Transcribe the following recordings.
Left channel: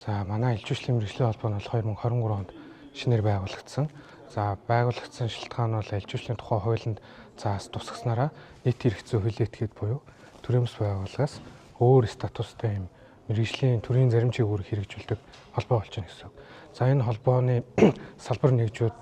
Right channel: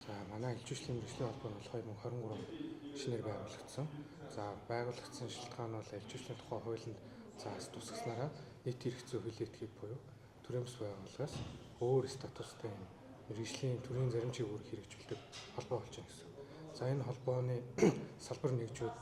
За манай элчүүчлийн мэргэжлийн холбоо нь 2023 онд шинээр байгуулагдсан. За байгуулагдсан шалтгаан бол элчүүчлийн тухай хуулинд заас тусгаснараа нийт эрх зүй хууль этгээд буюу төрийн бас байгууллагаас өөр статустай юм мэргэжлийн төрийн зарим чиглэлээр хэрэгжүүлдэг холбоо болж байна гэсэн. За энэ холбооны салбар нэгжүүд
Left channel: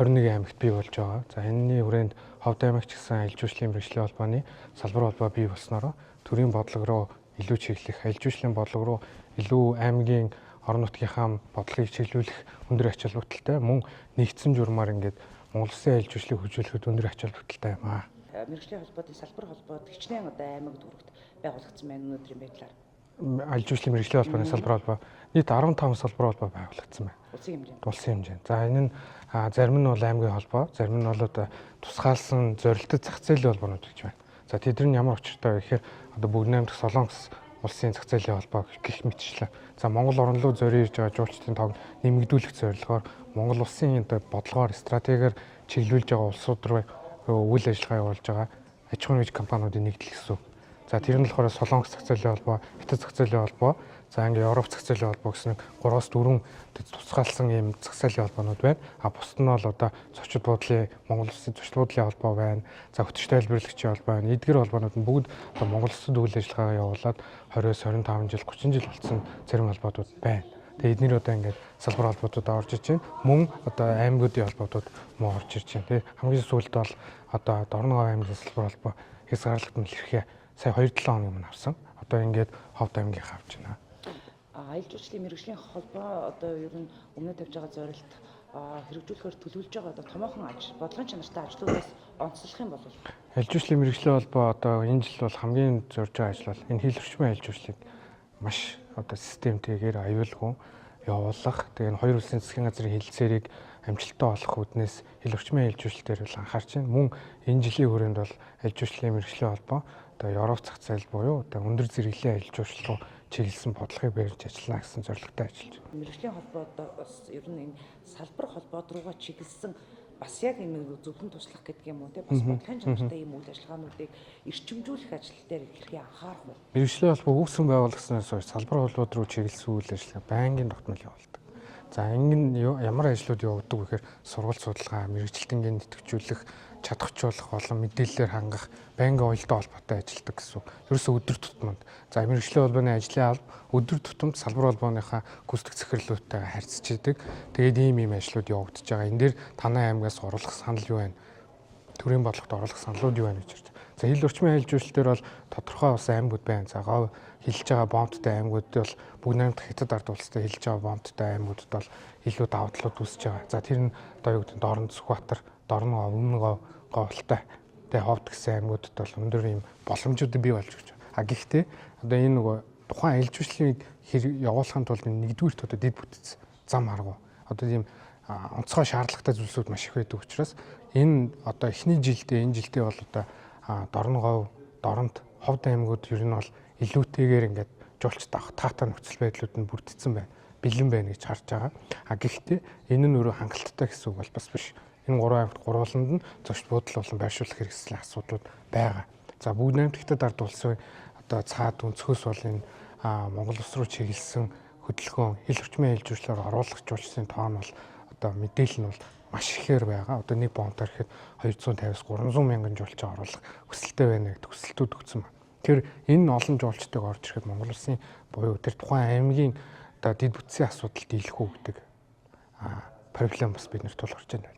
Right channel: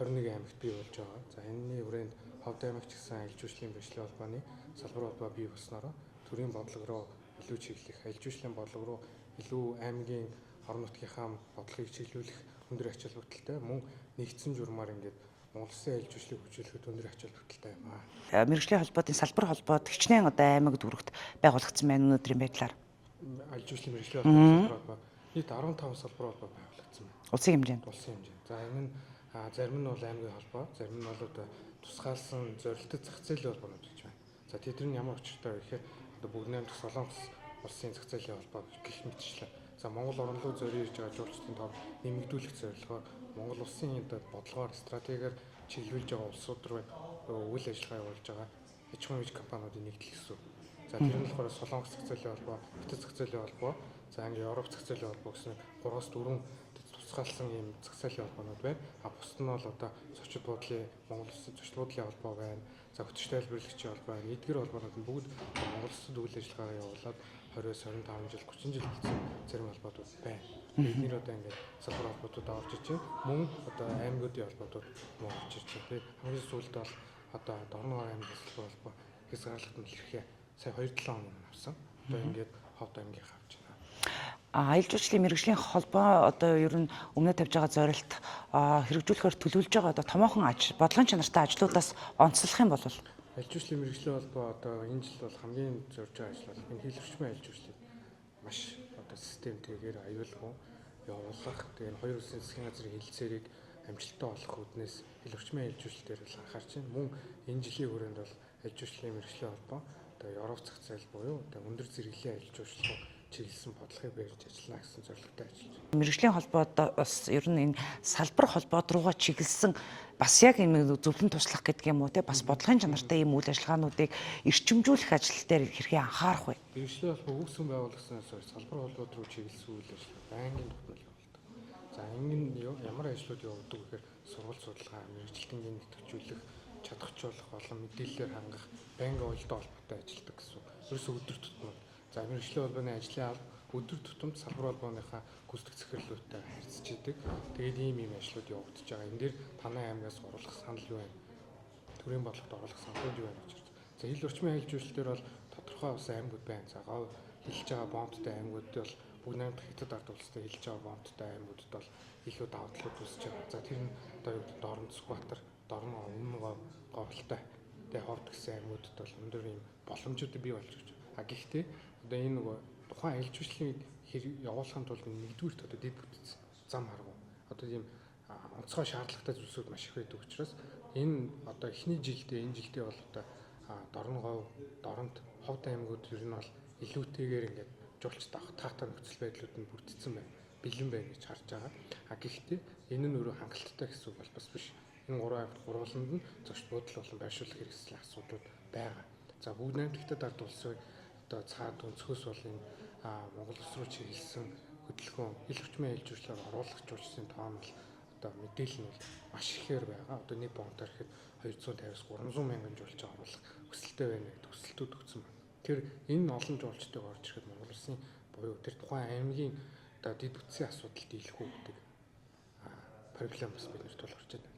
21 аймагт бий болж байгаа. За энэний хүрээнд Ховд аймагч гэсэн элчүүчлийн мэргэжлийн холбооны салбар холбоо бий болсноор төрийн бодлого руу илүү чиглэх, элчүүчлийн бодлого руу илүү аймгийн орон нутгийнхаа бодлогыг чиглүүлэх өндөр ач холбогдолтой мөн нэгдсэн журмаар ингээд Монгол Улсын элчүүчлийг хөгжүүлэхэд өндөр ач холбогдолтой юм аа. Мэргэжлийн холбоодын салбар холбоод хичнээн одоо аймаг дүрэгт байгуулагдсан байна өнөөдрийн байдлаар. Элчүүчлийн мэргэжлийн холбооны салбар холбоо нийт 15 салбар холбоо байгуулагдсан байна. Улсын хэмжээнд. Улсын хэмжээнд. За энэ нь зарим нь бол аймгийн холбоо, зарим нь бол одоо тусгаалсан зорилттой зах зээлийн холбоонууд гэж байна. За тэдний ямар учиртай вэ гэхээр одоо Бүгд найрамдах Солонгос улсын зах зээлийн холбоо гэх мэтчлэн. За Монгол орн руу зориулж байгаа жуулчдын тоог нэмэгдүүлэх зорилгоор Монгол улсын одоо бодлогоор стратегиэр чиглүүлж байгаа улсууд руу үйл ажиллагаа явуулж байгаа аж ахуйн нэгж компаниудын нэгдэл гэсэн. За тэр нь болохоор Солонгос зах зээлийн холбоо, Хятад зах зээлийн холбоо, за ингээ Европ зах зээлийн холбоо гэсэн 3-4 тусгаалсан ийм зах зээлийн холбоонууд байна. А бусд нь бол одоо зочид буудлын Монгол улсын зочид буудлын холбоо байна. За хөтөч тайлбарлагчийн холбоо байна. Эдгээр холбоонууд нь бүгд Монгол улсад үйл ажиллагаа явуулаад 20-25 жил, 30 жил болсон зарим холбоодууд байна. Тэгээ эдгээр одоо ингээд салбар холбоодууд орж иж байна. Мөн одоо аймагуудын холбоодууд мөн орж ирж байна. Тэгээ хамгийн сүүлд бол одоо Дорногов аймгийн салбар холбоо хязгаарлалт нь хэрхээ сая 2-7 хоногийн өмнө авсан. Одоо ингээд Ховд аймгийн авч байна. Элчүүчлийн мэргэжлийн холбоо одоо ер нь өмнө тавьж байгаа зорилт хэрэгжүүлэхээр төлөвлөж байгаа одоо томоохон бодлогын чанартай ажлуудаас онцлох юм бол элчүүчлийн мэргэжлийн холбоо одоо энэ жил бол хамгийн зорж байгаа ажил бол энэ хил орчмын элчүүчлийг маш одоо системтэйгээр аюулгүй явуулах. Тэгээ энэ хоёр улсын засгийн газрын хэлэлцээрийг амжилттай олох үүднээс хил орчмын элчүүчлэлээр бол анхаарч байна. Мөн энэ жилийн хүрээнд бол элчүүчлийн мэргэжлийн холбоо одоо Европ зах зээл буюу одоо өндөр зэрэглэлийн элчүүчлэл чиглэсэн бодлогыг барьж ажиллана гэсэн зорилготой ажиллаж байна. Мэргэжлийн холбоод бас ер нь энэ салбар холбоод руугаа чиглэсэн бас яг энэ зөвлөн туслах гэдэг юм уу те бас бодлогын чанартай ийм үйл ажиллагаануудыг эрчимжүүлэх ажил дээр хэрхэн анхаарах вэ? Мэргэжлийн холбоо өгсөн байгууллагаснаас хойш салбар холбоод руу чиглэсэн үйл ажиллагаа байнгын тогтмол явуулдаг. За энэ ямар ажлууд явагддаг вэ гэхээр сургалт судалгаа, мэргэжилтэнгийн нэтгэжүүлэх, чадахжуулах болон мэдээллээр хангах байнгын уялдаа холбоотой ажилладаг гэсэн. Ерөөсөө өдөр тутмын. За мэргэжлийн холбооны ажлын алба өдөр тутамд салбар холбооныхаа гүйцэтгэх захирлуудтайгаа харьцаж идэг. Тэгээд ийм ажлууд явагдаж байгаа. Энэ дээр танай аймгаас оруулах санал юу байна? Төрийн бодлогот оруулах саналууд юу байна гэж байна. За хил орчмын хэлжүүлэлтээр бол тодорхой бас аймагуд байна. За гов хилж байгаа бомбттай аймагуудад бол Бүгд найрамдах Хятад ард улстай хилж байгаа бомбттай аймагуудад бол илүү давуу талууд үүсэж байгаа. За тэр нь одоо юу гэдэг Дорн Сүхбаатар, Дорногов, Өмнөгов, Говьлтай тэ Ховд гэсэн аймагуудад бол өндөр ийм боломжууд бий болж байгаа. А гэхдээ одоо энэ нөгөө тухайн элчүүчлийг явуулахын тулд нэгдүгürt одоо дэд бүтц зам арга. Одоо ийм онцгой шаардлагатай зүйлсүүд маш их байдаг учраас энэ одоо эхний жилдээ энэ жилдээ бол одоо Дорногов, Дорнод, Ховд аймагуд ер нь бол илүүтэйгээр ингээд жуулч таатай нөхцөл байдлууд нь бүрдсэн байна. Бэлэн байна гэж харж байгаа. А гэхдээ энэ нь өөрөө хангалттай гэсэн үг бол бас биш. Энэ гурван аймагт гурвууланд нь зочд буудал болон байршуулах хэрэгслийн асуудлууд байгаа. За Бүгд найрамдах Хятад ард улсын одоо цаад өнцгөөс бол энэ Монгол улс руу чиглэсэн хөдөлгөөн хил орчмын хэлжүүлэлээр оруулах жуулчдын тоо нь бол одоо мэдээлэл нь бол маш ихээр байгаа. Одоо нэг бомбоор ихэд 250-300 мянган жуулчаа оруулах хүсэлтэй байна гэдэг хүсэлтүүд өгсөн байна. Тэр энэ олон жуулчдыг орж ирэхэд Монгол улсын буюу тэр тухайн аймгийн одоо дэд бүтцийн асуудал дийлэхгүй гэдэг проблем бас биднэрт тулгарч байна.